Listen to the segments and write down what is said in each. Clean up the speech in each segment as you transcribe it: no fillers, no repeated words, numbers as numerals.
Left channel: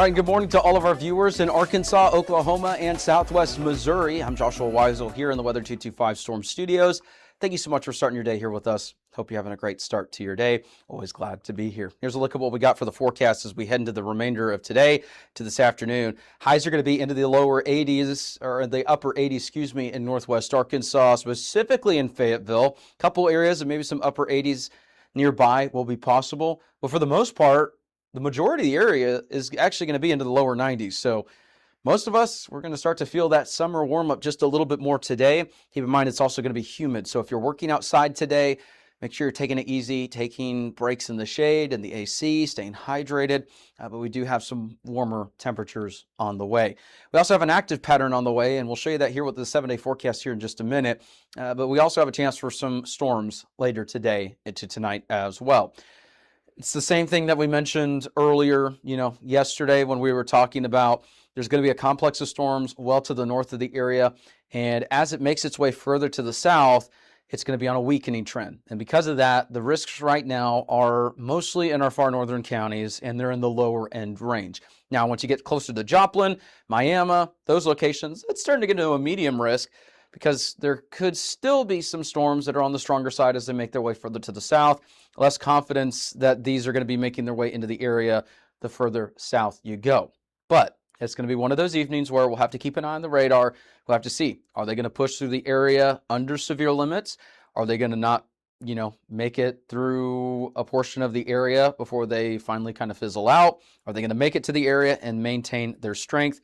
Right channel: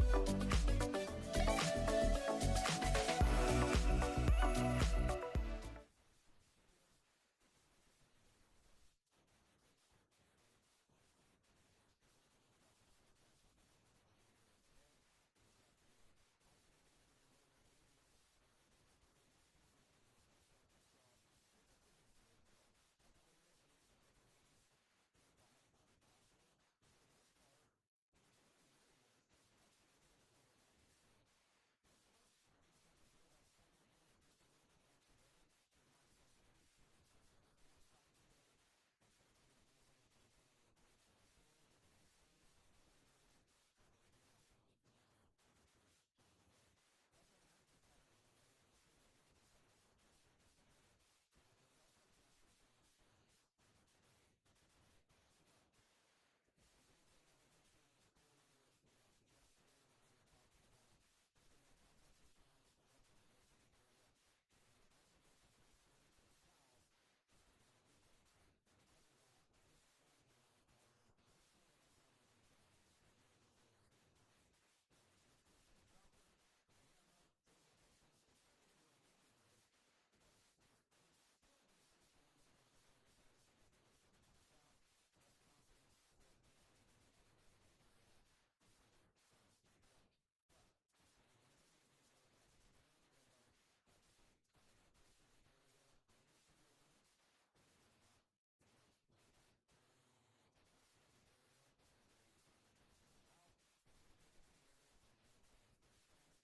right, good morning to all of our viewers in Arkansas, Oklahoma, and Southwest Missouri. I'm Joshua Weisel here in the Weather 225 Storm Studios. Thank you so much for starting your day here with us. Hope you're having a great start to your day. Always glad to be here. Here's a look at what we got for the forecast as we head into the remainder of today to this afternoon. Highs are going to be into the lower 80s, or the upper 80s, in northwest Arkansas, specifically in Fayetteville. A couple areas and maybe some upper 80s nearby will be possible. But for the most part, the majority of the area is actually going to be into the lower 90s. So most of us, we're going to start to feel that summer warm up just a little bit more today. Keep in mind, it's also going to be humid. So if you're working outside today, make sure you're taking it easy, taking breaks in the shade and the AC, staying hydrated. But we do have some warmer temperatures on the way. We also have an active pattern on the way, and we'll show you that here with the 7-day forecast here in just a minute. But we also have a chance for some storms later today into tonight as well. It's the same thing that we mentioned earlier, yesterday when we were talking about there's going to be a complex of storms well to the north of the area. And as it makes its way further to the south, it's going to be on a weakening trend. And because of that, the risks right now are mostly in our far northern counties, and they're in the lower end range. Now, once you get closer to Joplin, Miami, those locations, it's starting to get into a medium risk because there could still be some storms that are on the stronger side as they make their way further to the south. Less confidence that these are going to be making their way into the area the further south you go. But it's going to be one of those evenings where we'll have to keep an eye on the radar. We'll have to see, are they going to push through the area under severe limits? Are they going to not, make it through a portion of the area before they finally kind of fizzle out? Are they going to make it to the area and maintain their strength?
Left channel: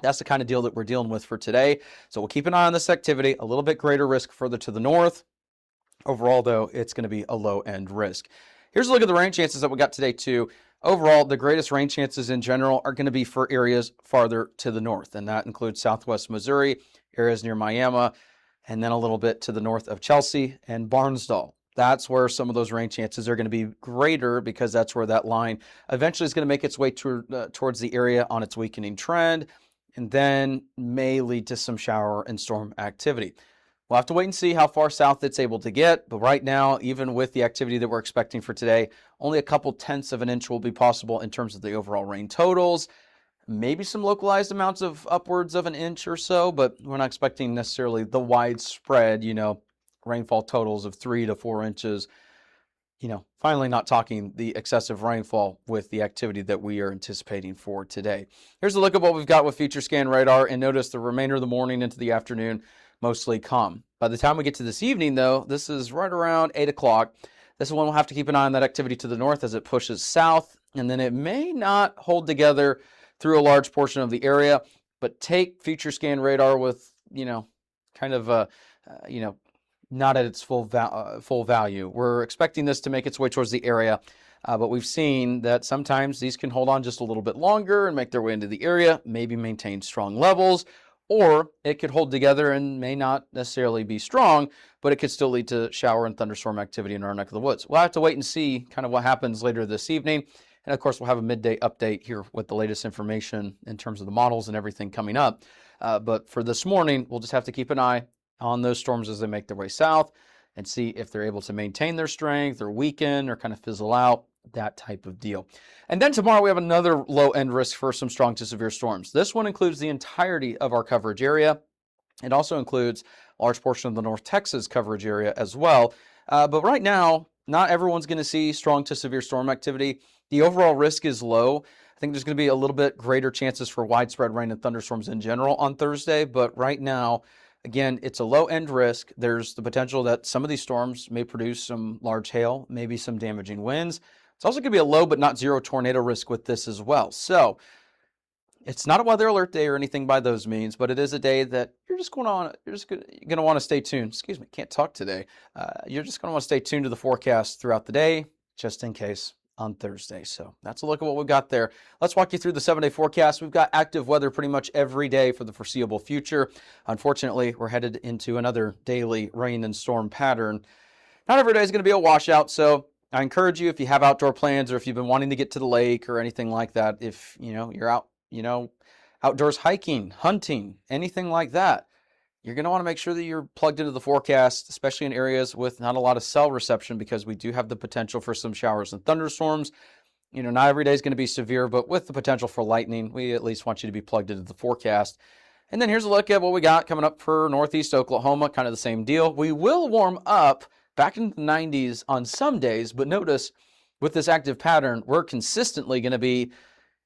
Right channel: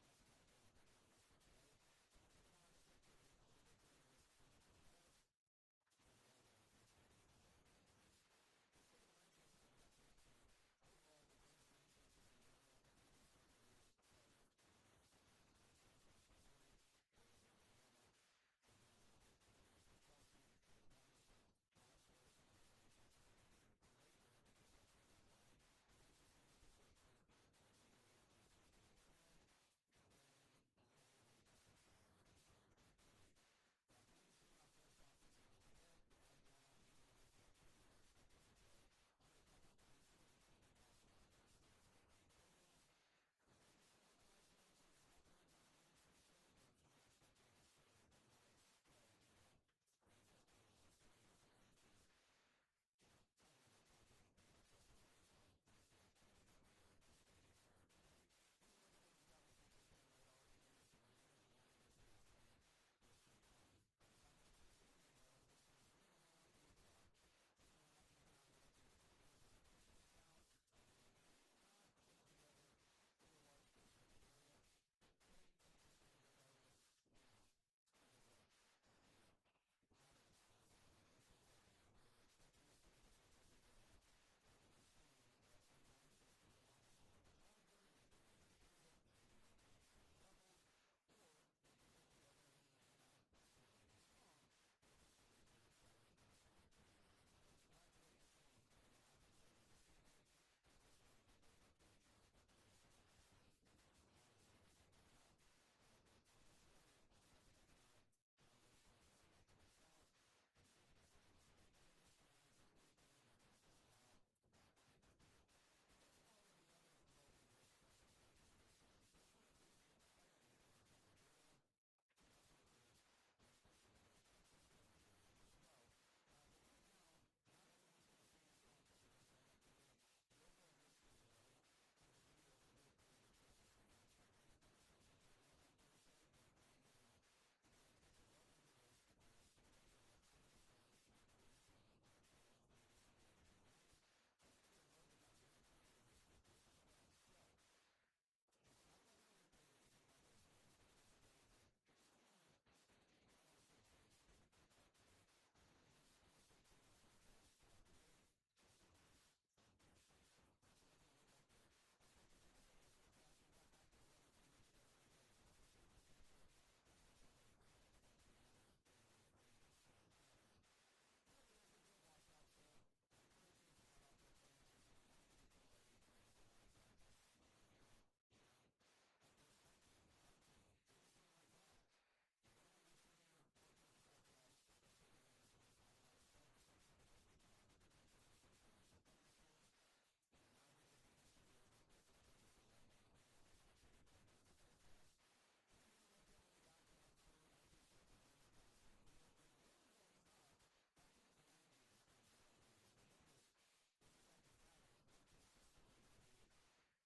That's the kind of deal that we're dealing with for today. So we'll keep an eye on this activity, a little bit greater risk further to the north. Overall, though, it's going to be a low-end risk. Here's a look at the rain chances that we got today, too. Overall, the greatest rain chances in general are going to be for areas farther to the north, and that includes southwest Missouri, areas near Miami, and then a little bit to the north of Chelsea and Barnsdall. That's where some of those rain chances are going to be greater because that's where that line eventually is going to make its way towards the area on its weakening trend, and then may lead to some shower and storm activity. We'll have to wait and see how far south it's able to get, but right now, even with the activity that we're expecting for today, only a couple tenths of an inch will be possible in terms of the overall rain totals. Maybe some localized amounts of upwards of an inch or so, but we're not expecting necessarily the widespread, rainfall totals of 3 to 4 inches. Finally not talking the excessive rainfall with the activity that we are anticipating for today. Here's a look at what we've got with Future Scan Radar, and notice the remainder of the morning into the afternoon, mostly calm. By the time we get to this evening, though, this is right around 8 o'clock. This is when we'll have to keep an eye on that activity to the north as it pushes south, and then it may not hold together through a large portion of the area, but take Future Scan Radar with, not at its full value. We're expecting this to make its way towards the area, but we've seen that sometimes these can hold on just a little bit longer and make their way into the area, maybe maintain strong levels, or it could hold together and may not necessarily be strong, but it could still lead to shower and thunderstorm activity in our neck of the woods. We'll have to wait and see kind of what happens later this evening. And of course, we'll have a midday update here with the latest information in terms of the models and everything coming up. But for this morning, we'll just have to keep an eye on those storms as they make their way south and see if they're able to maintain their strength or weaken or kind of fizzle out, that type of deal. And then tomorrow we have another low-end risk for some strong to severe storms. This one includes the entirety of our coverage area. It also includes a large portion of the North Texas coverage area as well. But right now, not everyone's going to see strong to severe storm activity. The overall risk is low. I think there's going to be a little bit greater chances for widespread rain and thunderstorms in general on Thursday. But right now, again, it's a low-end risk. There's the potential that some of these storms may produce some large hail, maybe some damaging winds. It's also going to be a low but not zero tornado risk with this as well. So it's not a weather alert day or anything by those means, but it is a day that you're going to want to stay tuned. Excuse me, can't talk today. You're just going to want to stay tuned to the forecast throughout the day, just in case on Thursday. So that's a look at what we've got there. Let's walk you through the 7-day forecast. We've got active weather pretty much every day for the foreseeable future. Unfortunately, we're headed into another daily rain and storm pattern. Not every day is going to be a washout, so I encourage you, if you have outdoor plans or if you've been wanting to get to the lake or anything like that, if you're out, outdoors hiking, hunting, anything like that, you're going to want to make sure that you're plugged into the forecast, especially in areas with not a lot of cell reception, because we do have the potential for some showers and thunderstorms. Not every day is going to be severe, but with the potential for lightning, we at least want you to be plugged into the forecast. And then here's a look at what we got coming up for Northeast Oklahoma, kind of the same deal. We will warm up back into the 90s on some days, but notice with this active pattern, we're consistently going to be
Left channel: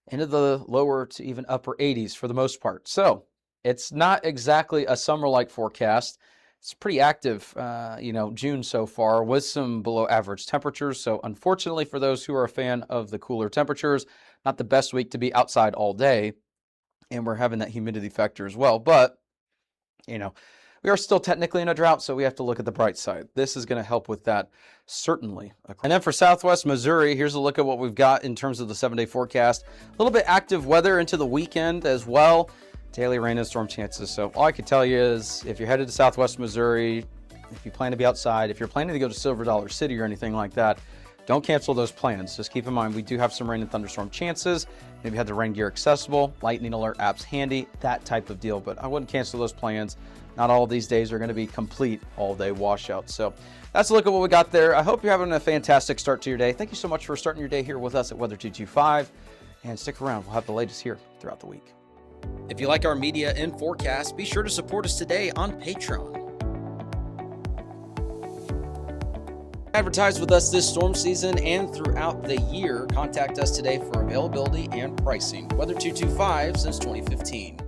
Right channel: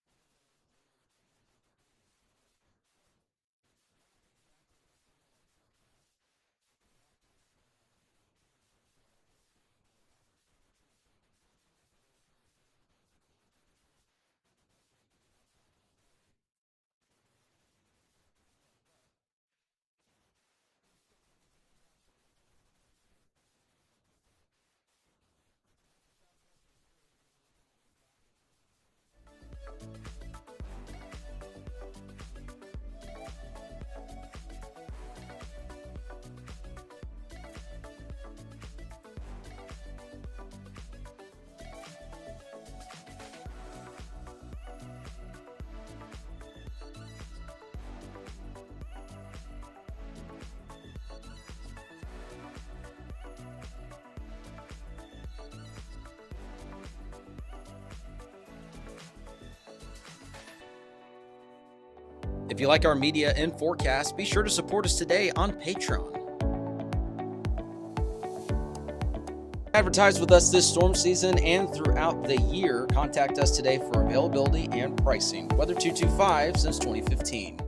into the lower to even upper 80s for the most part. So it's not exactly a summer-like forecast. It's pretty active, June so far with some below average temperatures. So unfortunately for those who are a fan of the cooler temperatures, not the best week to be outside all day. And we're having that humidity factor as well. But, we are still technically in a drought, so we have to look at the bright side. This is going to help with that, certainly. And then for Southwest Missouri, here's a look at what we've got in terms of the 7-day forecast. A little bit active weather into the weekend as well. Daily rain and storm chances. So all I can tell you is if you're headed to Southwest Missouri, if you plan to be outside, if you're planning to go to Silver Dollar City or anything like that, don't cancel those plans. Just keep in mind, we do have some rain and thunderstorm chances. Maybe have the rain gear accessible, lightning alert apps handy, that type of deal. But I wouldn't cancel those plans. Not all of these days are going to be complete all-day washouts. So that's a look at what we got there. I hope you're having a fantastic start to your day. Thank you so much for starting your day here with us at Weather 225. And stick around. We'll have the latest here throughout the week. If you like our media and forecast, be sure to support us today on Patreon. Advertise with us this storm season and throughout the year. Contact us today for availability and pricing. Weather 225 since 2015.